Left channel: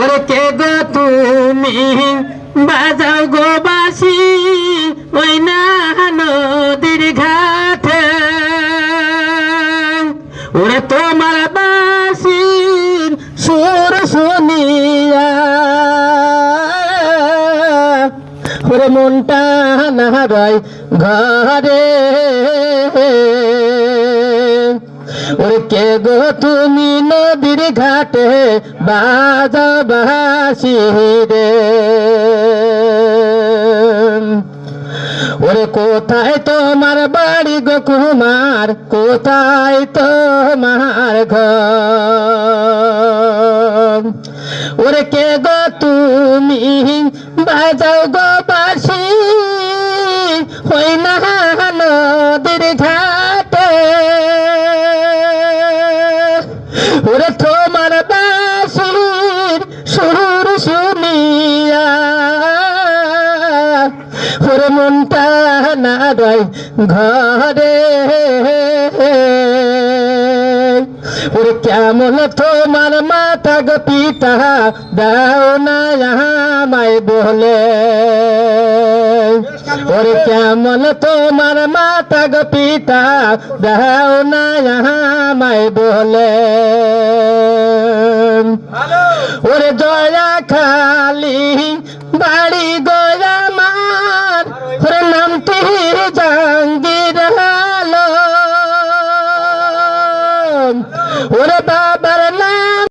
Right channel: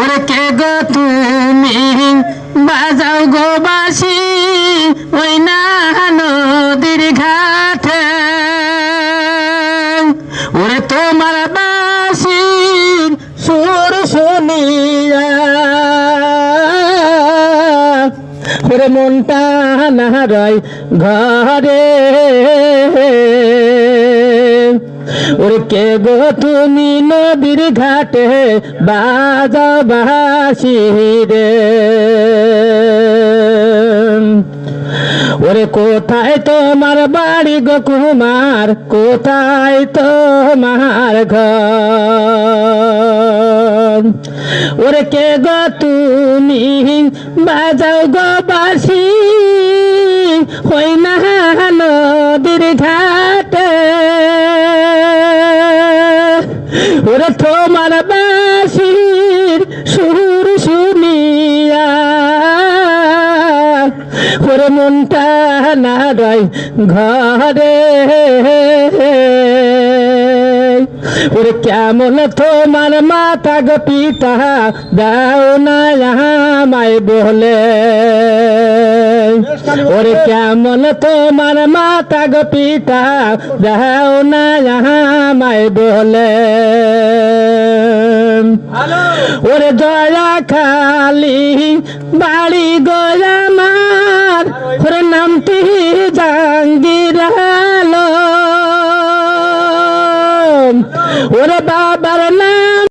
ওরে কে গো তুমি? বাজাও গো বাসি ওই না নদীর ঘাটে। ওরে তোমার বাসি সুর শুনিয়া। ওরে মনটা না রয় ঘরে। ওরে কে গো তুমি নদীর ঘাটে বাজা বাসি রে? ওরে কোথায় তোমার বাড়ি গো কুমার? কোথায় তোমার ঘর? ওরে কে গো তুমি বাজাও গো বাসি? হই না বাসির সুর শুনিয়া, ওরে মনটা না রয় ঘরে। ওরে কেমন তোমার মাতা গো পিতা, দাও না মাই বলে। ওরে কেমন তোমার মাতা গো পিতা, দাও না মাই বলে। ওরে দয়া খালি বাড়ি গোয়ামার ওরে নাম নামটি জাঙ্গির ওরে বাবার না